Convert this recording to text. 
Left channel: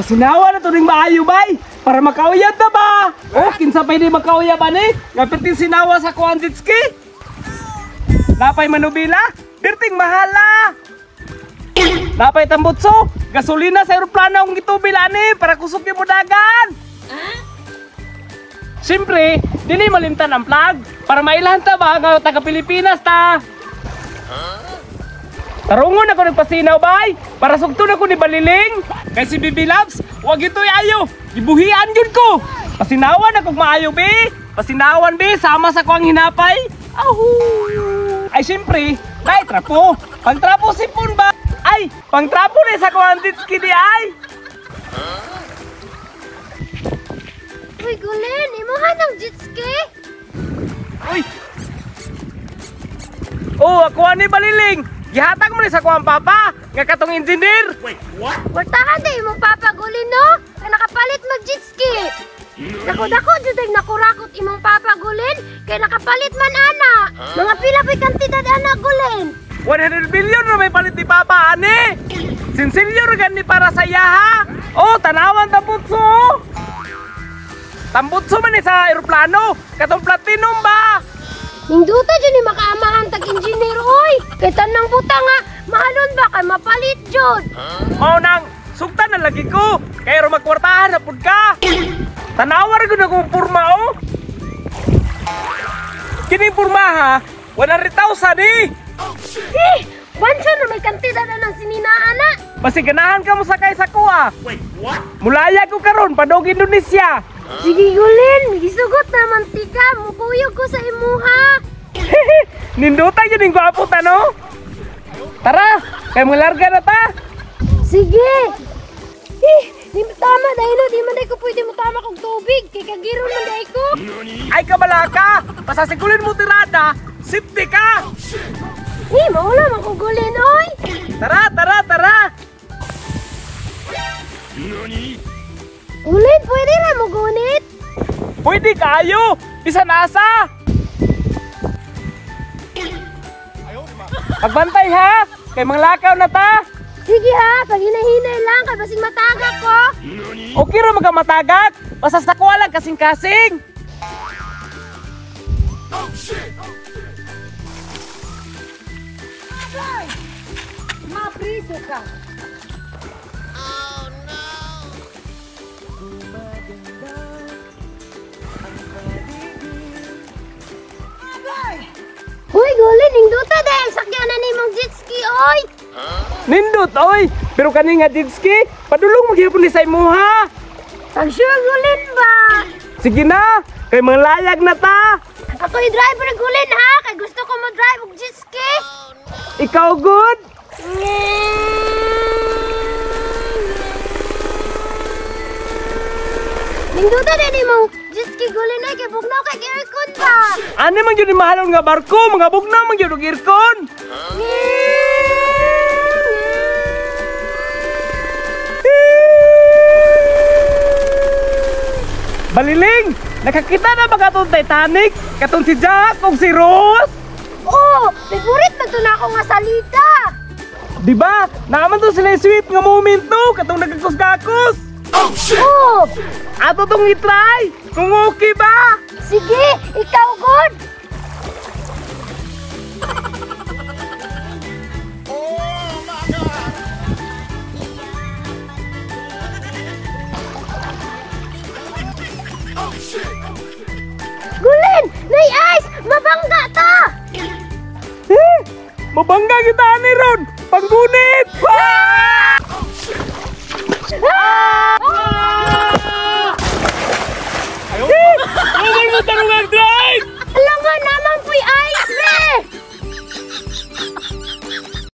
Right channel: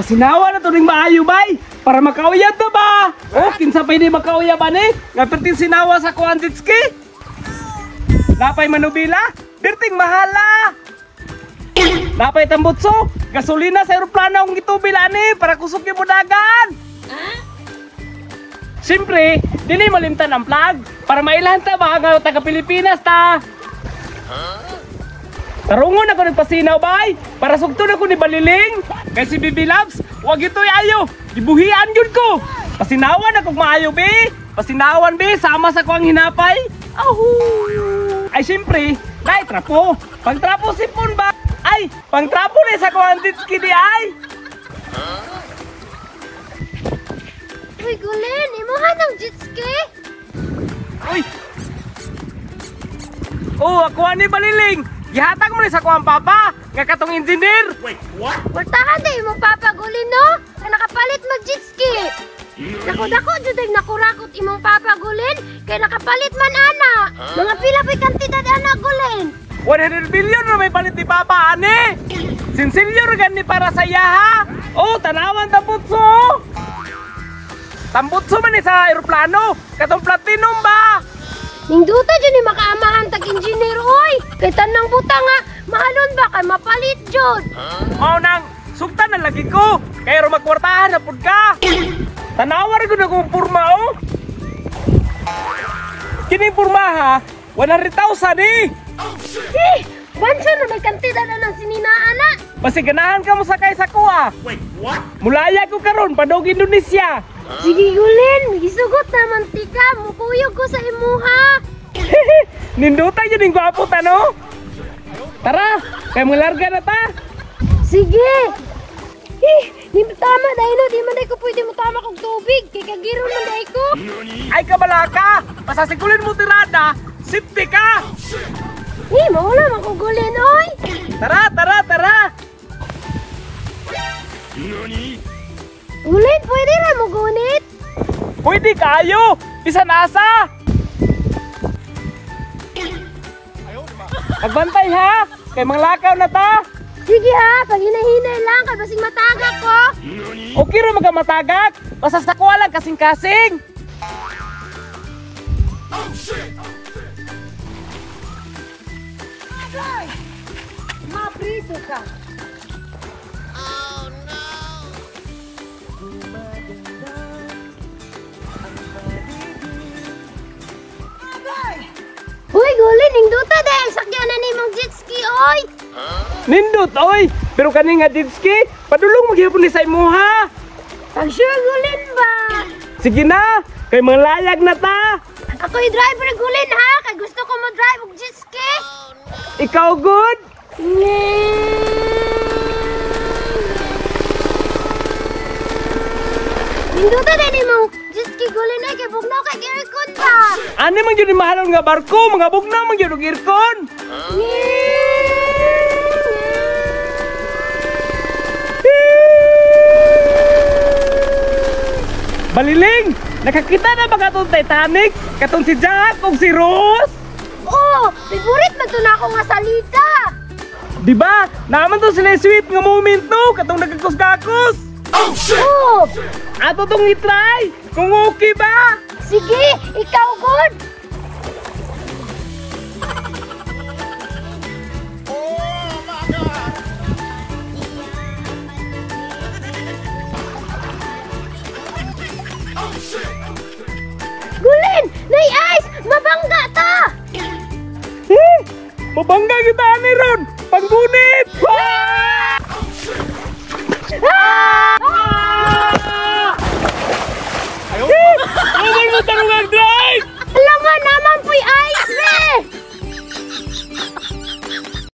Pasinawa na to ning maayo bay para makauyab na ba? Oh, kinsa pa hindi makauyab ani? Nga perting sinawa sa kuan jet ski. Napay manubila, perting mahala. Napay tambutso, gasolina sa eroplano ang gitubil ani para kusog yung dagan. Siyempre, dili malimtan ang flag para mailan ta ba nga taga Pilipinas ta. Tarungon ako nagpasinaw bay para sugton ako ni Baliling. Kay si Bibi Loves, wag ito'y ayo. Gibuhian yun ko. Pasinawan ako maayo be. Pasinawan be, sama sa kuang hinapay. Ay siyempre, ay trapo. Pag trapo sipon ba? Ay, pang trapo na sa kuang ditski di ay. Uy, Gulin, imuhan ng jet ski. Uy. Oh, ako ni Baliling. Gihatag mo ni sa kuang papa, nga katong engineer. Wait, what? Wartahan din imong Papa Gulin, no? Kaya nakapalit mag jet ski. Dako-dako jud nakurakot imong Papa Gulin, kaya nakapalit man ana. Mga pila pa'y kantidad ana Gulin. 100 billion na may palit ni papa ani. Sinsilyo gan ni para sa yaha. Oh, tanawan tambutso. Tambutso man ni sa eroplano, katong platinum ba? Ningduta dyan ni makaamahan tag-engineer, oy! Kay tanang buta nga, mahalon ba kay mapalit jud? Oh, nang sugtan na lagi ko. Kaya ro magkwartahan na pud ka. Tanawar gyud akong purma oh. Kini purma ha, 100,000 eh. Bansyo na may kantidad na ng sininaan na. Basi ganahan ka mo sakay sa kuha. Wait, what? Mulaya ko karon padog Indonesia. Sige Gulin, gisugot na mantika, mukuyog ko sa imuha. Ninduta yun yung gwapo tano. Tara, kay mo larga na ta. Sige. Di tama dahil no, di man ko pwede mo tama kong tubig. Kay kagiro man dahil ko. Ay kabalaka, pasasigulin mo tirada, safety ka. Maula man ko Gulin, oy. Tara, tara, tara. Gulin, pwede na mo gunit. Pwede kayo, bisa nasa. Pagbantay ha, kay mga lakaw na ta. Sige ha, pag hinahinay lang, kay basing matagak ko. Okay ro magkamatagat, basta sa kuha lang kasing-kasing. Agay! Mapriso ka. Uy, Gulin, ningduta dahil sakyanan ni mong jet ski, oy! Nindot, oy, pero kani nga jet ski, padulong maghihapon ni sa imuha. Ang sure, Gulin ba? Sige na, kay mga layag na ta. Ako yung driver, Gulin, ha? Kaya gusto ko mo-drive og jet ski. Ikaw good? Ningduta dahil ni mong jet ski, Gulin, ay kay bugnaw kay aircon ba? Ano man yun yung mahalon nga barko, mga bugnaw man yun yung aircon. Baliling, nakakita na ba katong Titanic? Katong si Jack o si Rose? Oh, favorite man to na ako nga salita. Diba? Naman to sila sweet nga moment no, katong nagkakos-kakos. Oh shit! Oh, Ato tong i-try, kung okay ba? sige, ikaw good. Oh my god! Oh shit! Gulin, nay ice, mabangga ta. Mabangga kita ni Ron, panggunit! Ayaw! Huwag mo tanungan,